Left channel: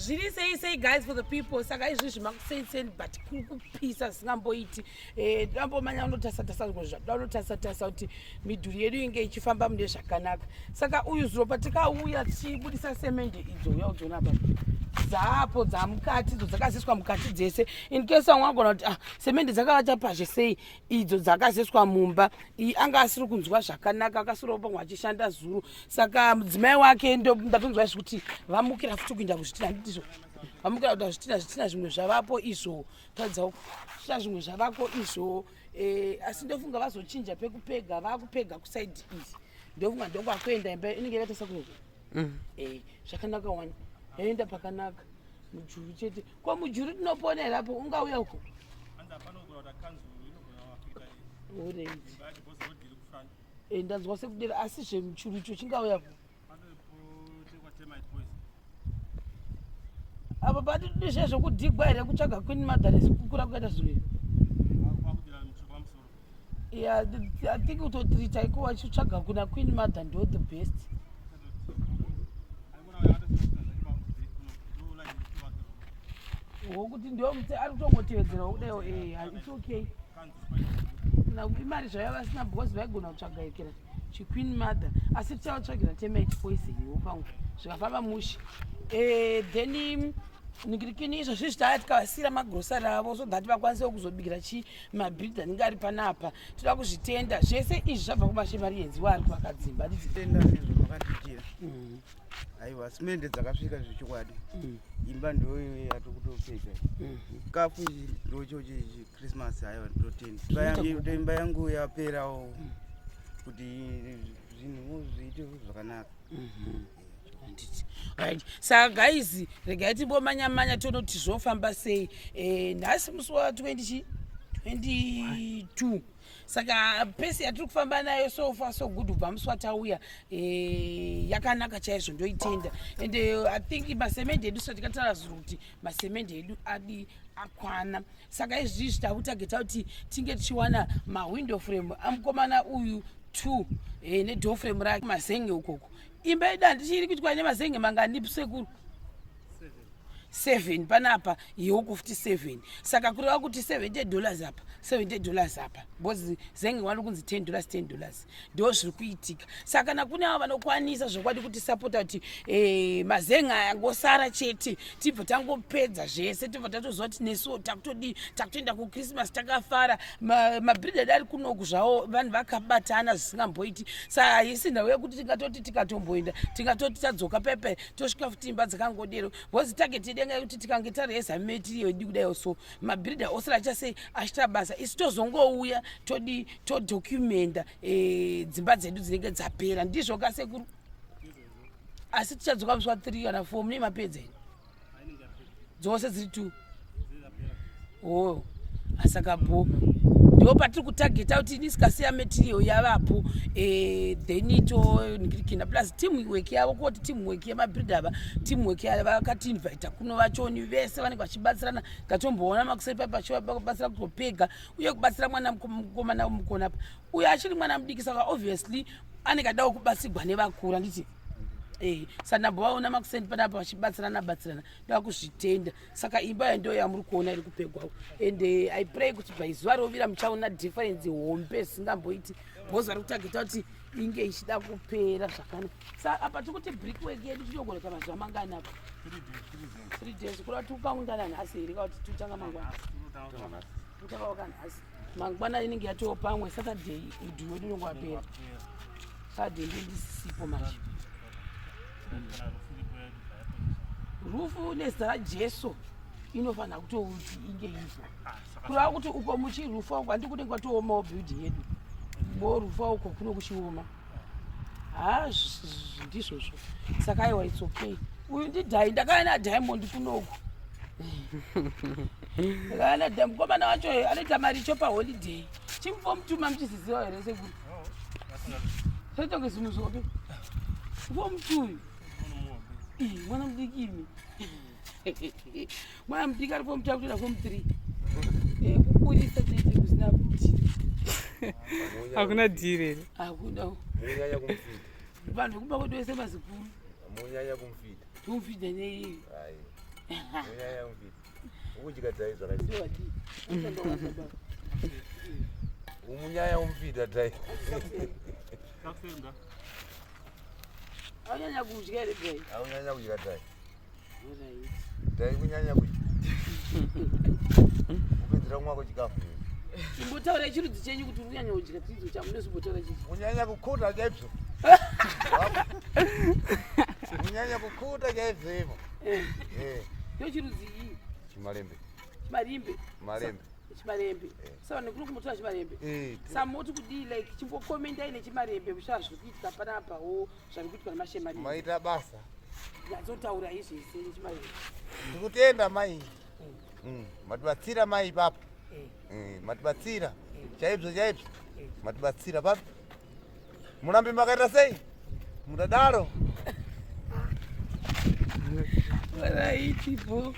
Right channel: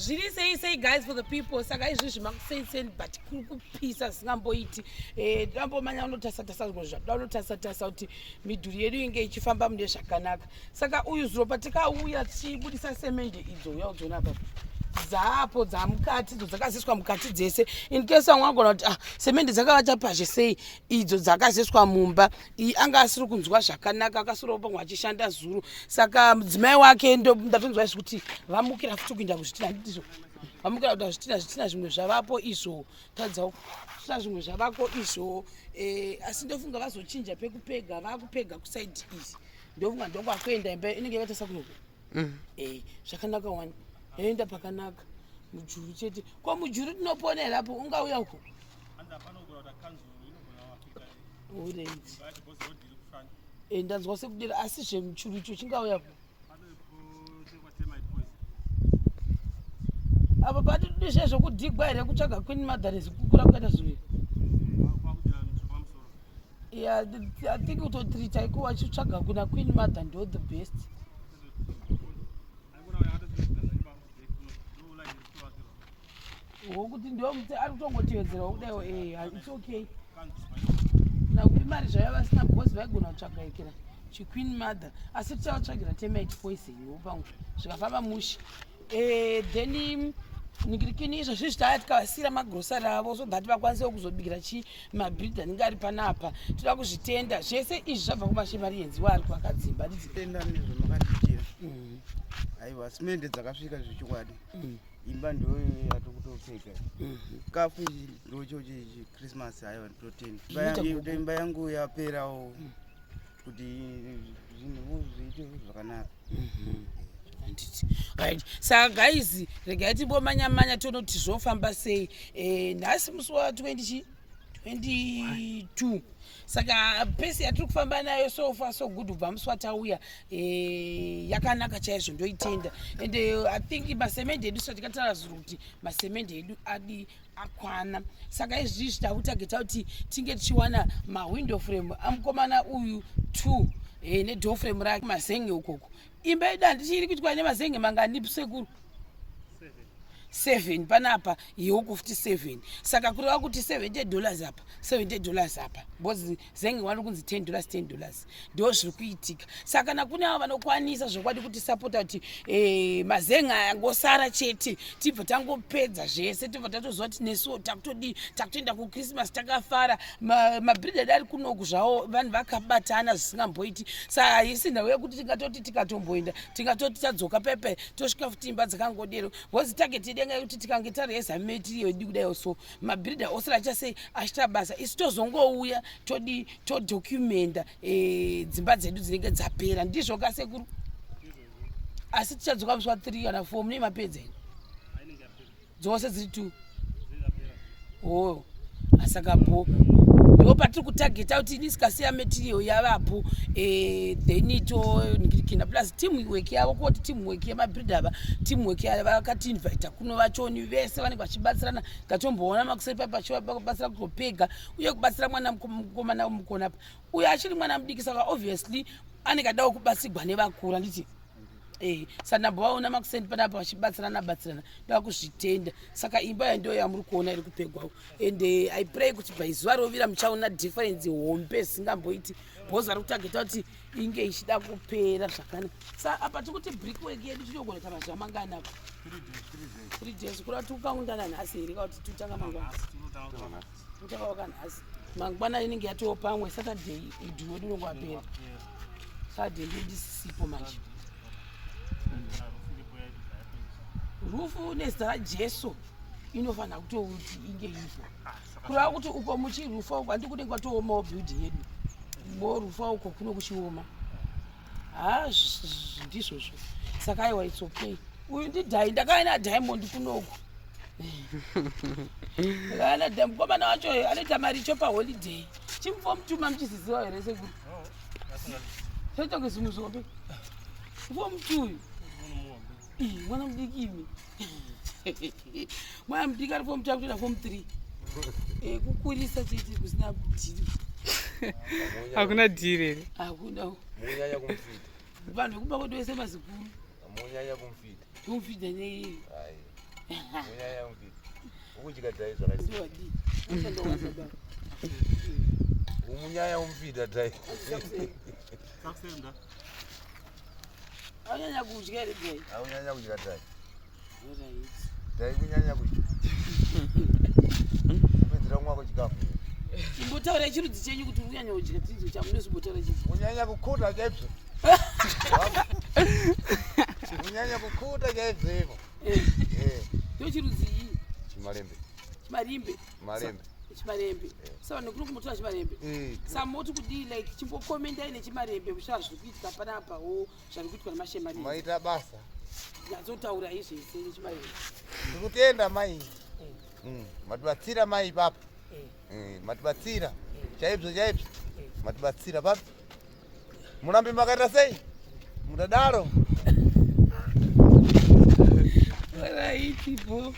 Zviri say guys for the people saka izvizvi makusenseni but kuri kupisa singamboiti ndambomanya unotasatasa zvinoda unotasatasa kuti midhuri yedu inge ichifamba mune zvakanaka saka uyu zviro patikauya tichibudisa semende idzo yaudzona baba dzapo dzamukati idzo dzakaziswa mukati dzese in case wangagona kuti semende dzakavata pazhe sei idzo dzakaziswa mumba anga asiri kunzwa zvakanaka akasiri kupangwa achishanda zuru saka mudzimai wake ndatonzwa izvi kuti vamukira futi kuinda kuzvitina handitizvo vamukira kuda zvitina zvimwe zvavapo izvo taridza zvitina zvimwe zvavako izvo asi ndofunga vazochinja pekupega vakupega kusaidi izi ndofunga ndokwakuenda imba inenge yakatasa kunoku zvakanaka wani yaenda pakanaka mujuru chete ko mujuru tinoponerapo ungauya uko ndanzwa sekudera asi zvemuchuru icho chingauyapo apa patidi zvezvokudigwa here kutsvaga queen mother kukura kukaita zvinoizvi I think utotrita iko wachitsvaga kuna queen mother ndo the best wokuti ndio ari kutongotevedzera kudayo it's okay nakuti mari zvayo vasina bhosi vaigona kutsvaga ikira chiqueen mother asi tichavatsvagira temate poison wopamwe zvikafamba mushi then ningirikini izvozvi zvitaya tikavasira magrosari avo so that vakwanise kuzobikira mabhridha anenge ari panapa toda kuzvitenda zvese izvi zvabva kumashemarienzi waari kuvakadzimba tenda nezvo makatiitira aiwa simende dzakasvika zvechikwadi imba ndoyo yati kutopedza kafu ndochochi Christmas aiwa ndotenda imba yangu yaperawo kuti zvinhu zviite zvakanaka right saka guys regai timbomanya tonoti zvofamba sei nhasi musi wa22 saka pesi yatiri kufamba nayo so far so good ubva musi watauya yakanaka chaizvo ndoitenda and I think masemende edu so tikatarazvira kuti masemende edu adi akwana saka izvizvi takutageta kuti tinge tichiwana mawindow frame amukomana uyu 2 nedoor frame rake mazenge ukoko imba yedu handichiri kuitwa nemazenge mangani sekuru 7 panapa yeuko futi 7 saka kureva kuti $70 apa $70 apa because zenge wari kunzi $10 ndo zviri kuitika saka nakune avo vanokwanisa zvokwadi kuti sapota kuti mazenge ayangosara chete tibva tangopedza zvese tibva tatoziva kuti nesuwo takutoenda kuchristmas takafara mabhridha ari kunoku zvavo vanhu vakabatana zvisingamboiti saka haisi nhau yekuti tingatoti tikatomboenda tingatoti tadzoka pepe tosvika futi imba dzakangodero because tageti denga yekuti tikange tareza metiriyo yedu kudayo so mabhridha ose rachasei achita basa isi tozongouya todocumenta dzimba dzedu dzinenge dzapera ndizvo kasekuru asi tichadzoka musi wa3 kana 4 mune mapedza ino dzose dziri 2 asaka bo ndo patiri kutageta kuti nisikasiya metiriyo yavapo then toningirikina plus teamwork yavo kuti teamwork yemabhridha ava teamwork vakatiinvita kuno vachoni vese vanenge vachibatsirana ngatomboona makuseri papachivabatsira kutopega uye kubatsira mwana mukomana mukona apa uye achiri mwana mudiki saka obviously anenge adawo kubatsirwa nevakura nditi sanambovaona makusendi panapa vachibatsirana ndava kuzvitenda saka imba yando yamuri kuona iri kupegwawo and I pray kuti baizuva rovira muchaona difference hombe singamboiti bhozi ari kutageta kuti inge ichida kupera zvakanaka sa apa tikuti brickwork yedu tinogona mazuva mangana apa 3 days kurava tikukaungana nhasi here kauti tutanga mangwana tutanga wakanhasi mangwana inenge yatoo pamwe saturday idhu wedu unenge wapera saturday ndindisipo manje rufu nezita rajesu inofanira kutouti inge ifo kurava kuti uko muchirufa uko handi kunenge kwatoomawo building yedu mo rufa uko kuno kuchioma ndizvozvo saka aiwa it's okay uyu ndidhai ndakava naDiamond kunoku ndakava naDiamond mukomana wacho anoita maricho paholiday chimufomutuma muchiziziva here sekuru toitonge zimuzope fomutuyu mwana mudiki imi mwana mudiki ari fomu 2 kutoenda fomu 3 kukurisa chiitiri kusina dhiri hakuna dhiri here hakuna vanhu vekuba kwedu vese mazikuru kumufidha neiyi munyanya muvita ukuchikadai zvakaizi umunyanya muvita dai aunyanya kudya ere dai aunyanya kudya dai Alright. dai kunyanya kudya kupedzera mwako chikafu Imbotaura chirudzi chenyu kuti unyanya kudya chidzo changu ndosimbotaura chii. munyanya kukuta chaibvo munyanya kukuta chaibvo ivo Ndo chirudzi iyi. chimalembe Chimarimbe. malembe Chimarembe. Saka nekuri kumutora chimarembe. Samoti kudii like chimbokomenda ine chimarembe kushara zviri kuitika panapawo zviri kuitika nemashemarembe. maita basa Ndatotaura izvese nechimarembe. ndikutenda mai matibatsira mai papa matibatsira chaibvo chaibvo matibatsira papa murambe makaita sei mudadaro Alright, people.